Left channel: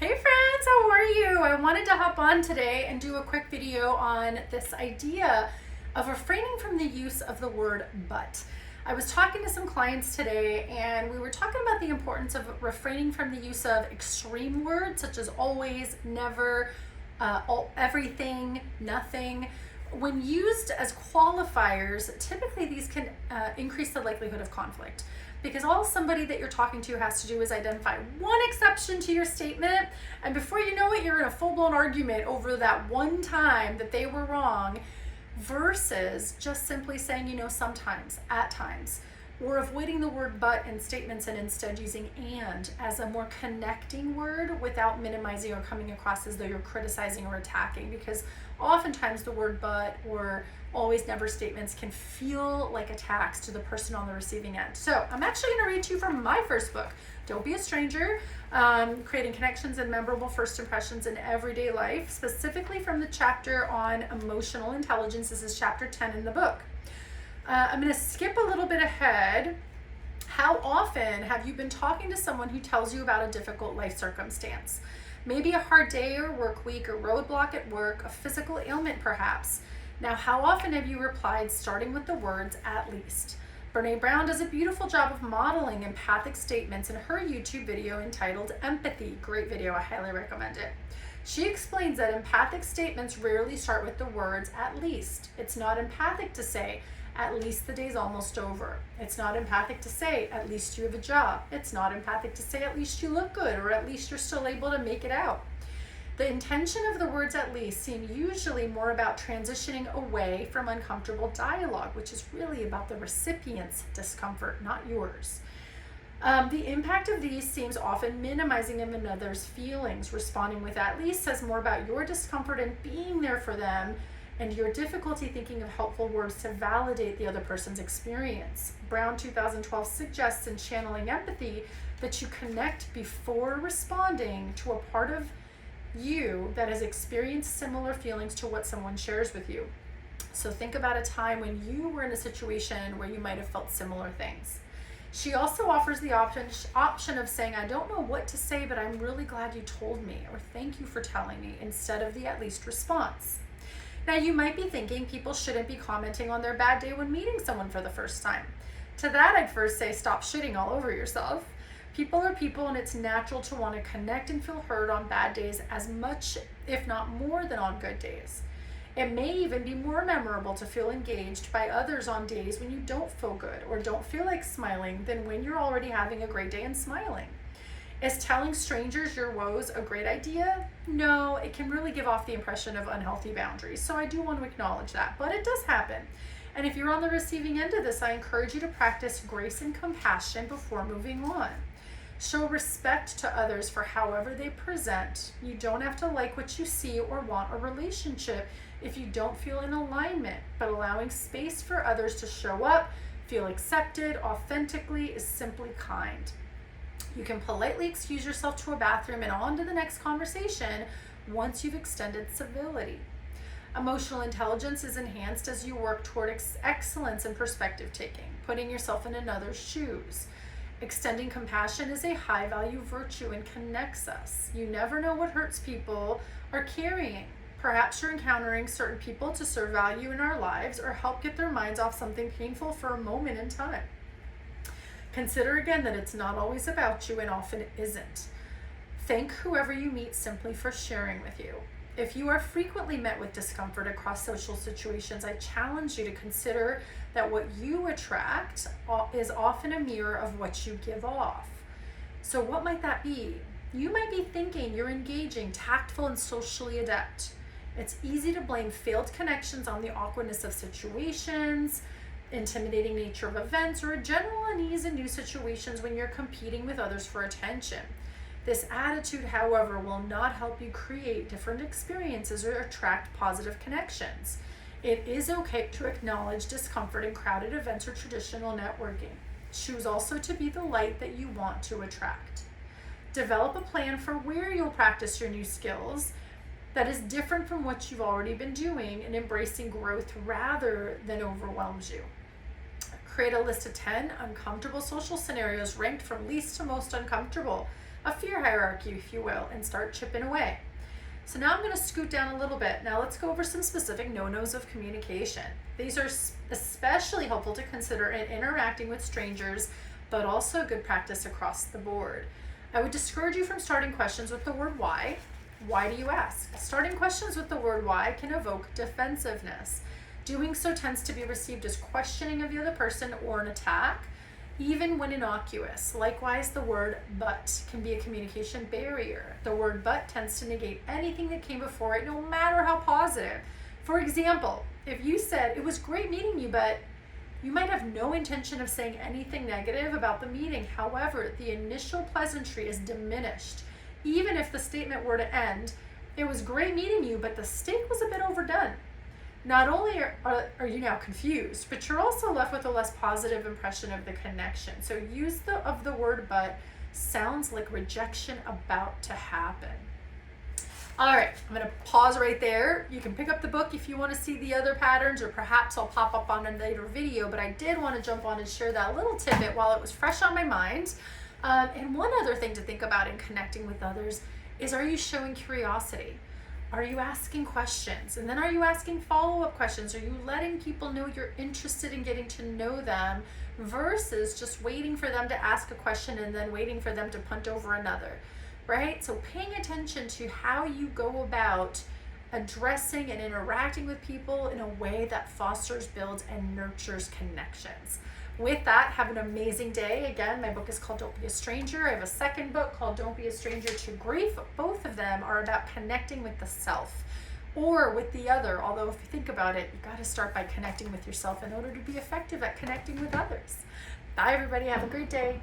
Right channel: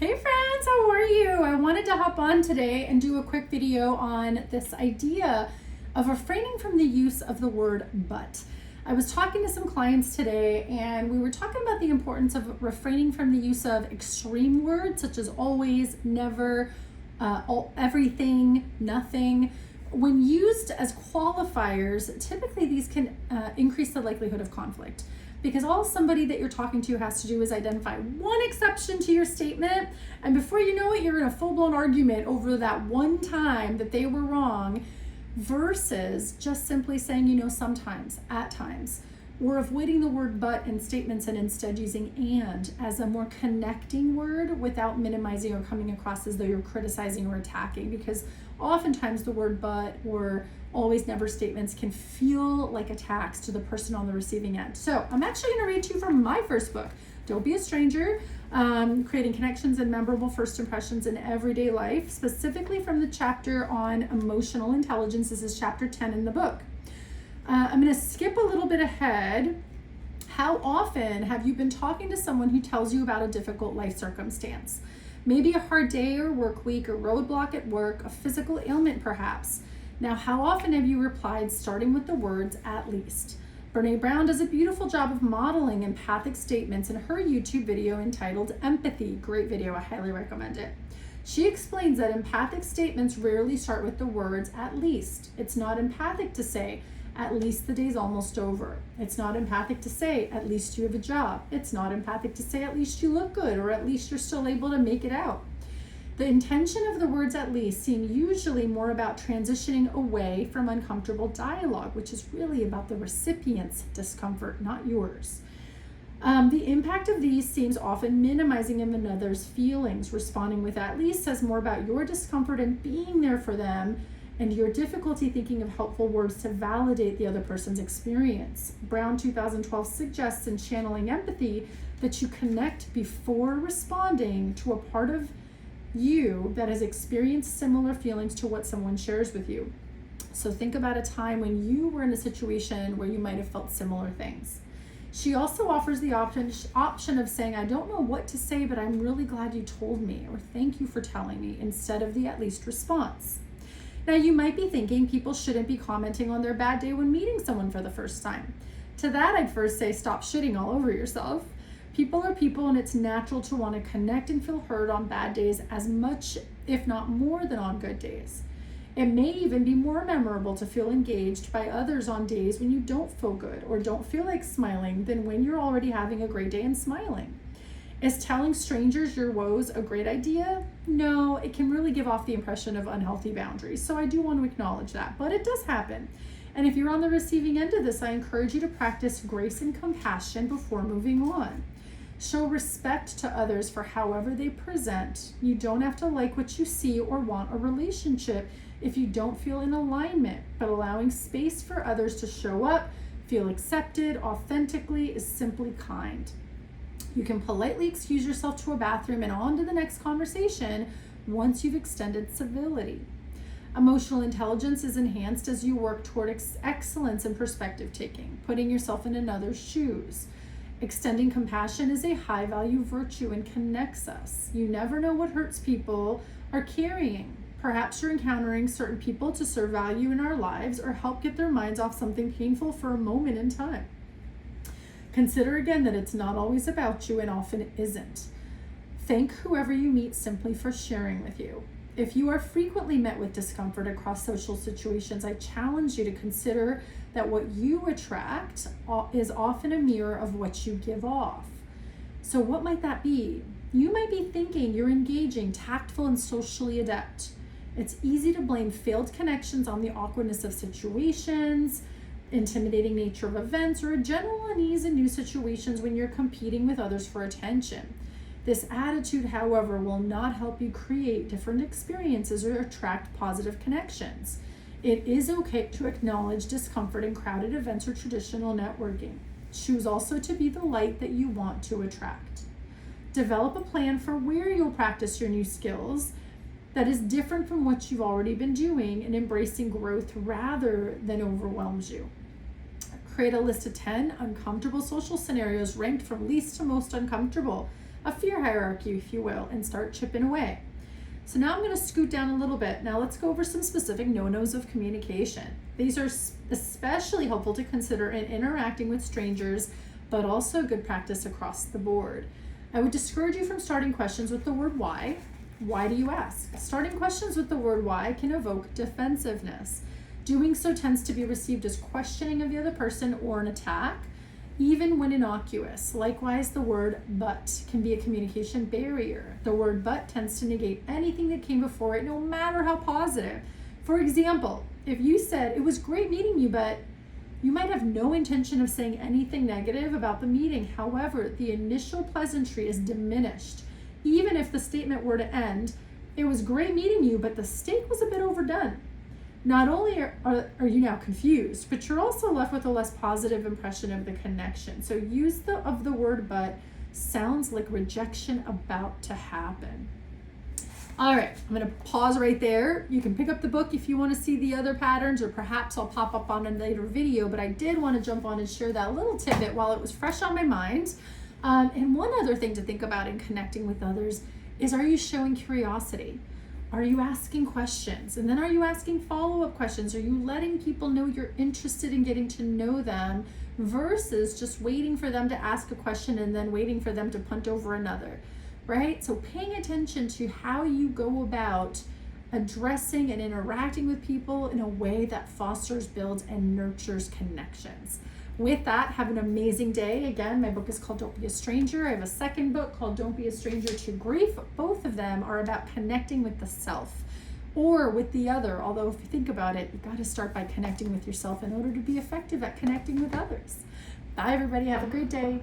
Hey friends, how are you? I wanted to hop on today and do a quick video on this idea of refraining from the use of the word but. I was talking to some clients today and we were talking about the importance of refraining from the use of extreme words such as always, never, everything, nothing. When used as qualifiers, typically these can increase the likelihood of conflict, because all somebody that you're talking to has to do is identify one exception to your statement, and before you know it, you're in a full-blown argument over that one time that they were wrong, versus just simply saying, sometimes, at times. We're avoiding the word but in statements and instead using and as a more connecting word without minimizing or coming across as though you're criticizing or attacking, because oftentimes the word but or always never statements can feel like attacks to the person on the receiving end. So I'm actually going to read to you from my first book, Don't Be a Stranger, Creating Connections and Memorable First Impressions in Everyday Life, specifically from the chapter on emotional intelligence. This is chapter 10 in the book. I'm going to skip a little bit ahead. How often have you been talking to someone who tells you about a difficult life circumstance? Maybe a hard day or work week or roadblock at work, a physical ailment perhaps. Now, how often have you replied starting with the words "at least"? Brene Brown does a beautiful job of modeling empathic statements in her YouTube video entitled Empathy. Great video, I highly recommend it. She explains that empathic statements rarely start with the words "at least." It's not empathic to say, "At least the day's almost over." It's not empathic to say, "At least you have a job." It's not empathic to say, "At least you look good," or "At least you're still able to make it out." The intention of the words "at least" seem usually more about transitioning away from uncomfortable dialogue, which is really about the recipient's discomfort, not yours. The impact of these seems often minimizing of another's feelings. Responding with "at least" says more about your discomfort and being there for them, and your difficulty thinking of helpful words to validate the other person's experience. Brown 2012 suggests in Channeling Empathy that you connect before responding to a part of you that has experienced similar feelings to what someone shares with you. So think about a time when you were in a situation where you might have felt similar things. She also offers the option of saying, "I don't know what to say, but I'm really glad you told me," or "Thank you for telling me," instead of the "at least" response. Now, you might be thinking people shouldn't be commenting on their bad day when meeting someone for the first time. To that, I'd first say stop shitting all over yourself. People are people, and it's natural to want to connect and feel heard on bad days as much, if not more, than on good days. It may even be more memorable to feel engaged by others on days when you don't feel good or don't feel like smiling than when you're already having a great day and smiling. Is telling strangers your woes a great idea? No, it can really give off the impression of unhealthy boundaries. So I do want to acknowledge that, but it does happen. And if you're on the receiving end of this, I encourage you to practice grace and compassion before moving on. Show respect to others for however they present. You don't have to like what you see or want a relationship if you don't feel in alignment, but allowing space for others to show up, feel accepted authentically is simply kind. You can politely excuse yourself to a bathroom and on to the next conversation once you've extended civility. Emotional intelligence is enhanced as you work toward excellence in perspective taking, putting yourself in another's shoes. Extending compassion is a high-value virtue and connects us. You never know what hurts people are carrying. Perhaps you're encountering certain people to serve value in our lives or help get their minds off something painful for a moment in time. Consider again that it's not always about you and often isn't. Thank whoever you meet simply for sharing with you. If you are frequently met with discomfort across social situations, I challenge you to consider that what you attract is often a mirror of what you give off. So what might that be? You might be thinking you're engaging, tactful, and socially adept. It's easy to blame failed connections on the awkwardness of situations, intimidating nature of events, or a general unease in new situations when you're competing with others for attention. This attitude, however, will not help you create different experiences or attract positive connections. It is okay to acknowledge discomfort in crowded events or traditional networking. Choose also to be the light that you want to attract. Develop a plan for where you'll practice your new skills that is different from what you've already been doing, and embracing growth rather than overwhelms you. Create a list of 10 uncomfortable social scenarios ranked from least to most uncomfortable. a fear hierarchy, if you will, and start chipping away. So now I'm going to scoot down a little bit. Now let's go over some specific no-nos of communication. These are especially helpful to consider in interacting with strangers, but also good practice across the board. I would discourage you from starting questions with the word why. Why do you ask? Starting questions with the word why can evoke defensiveness. Doing so tends to be received as questioning of the other person or an attack, even when innocuous. Likewise, the word but can be a communication barrier. The word but tends to negate anything that came before it, no matter how positive. For example, if you said, "It was great meeting you, but," you might have no intention of saying anything negative about the meeting. However, the initial pleasantry is diminished. Even if the statement were to end, "It was great meeting you, but the steak was a bit overdone." Not only are you now confused, but you're also left with a less positive impression of the connection. So use of the word but sounds like rejection about to happen. All right, I'm going to pause right there. You can pick up the book if you want to see the other patterns, or perhaps I'll pop up on a later video, but I did want to jump on and share that little tidbit while it was fresh on my mind. And one other thing to think about in connecting with others is, are you showing curiosity? Are you asking questions? And then are you asking follow-up questions? Are you letting people know you're interested in getting to know them versus just waiting for them to ask a question and then waiting for them to punt over another, right? So paying attention to how you go about addressing and interacting with people in a way that fosters, builds, and nurtures connections. With that, have an amazing day. Again, my book is called Don't Be a Stranger. I have a second book called Don't Be a Stranger to Grief. Both of them are about connecting with the self or with the other. Although if you think about it, you got to start by connecting with yourself in order to be effective at connecting with others. Bye, everybody. Have a great day.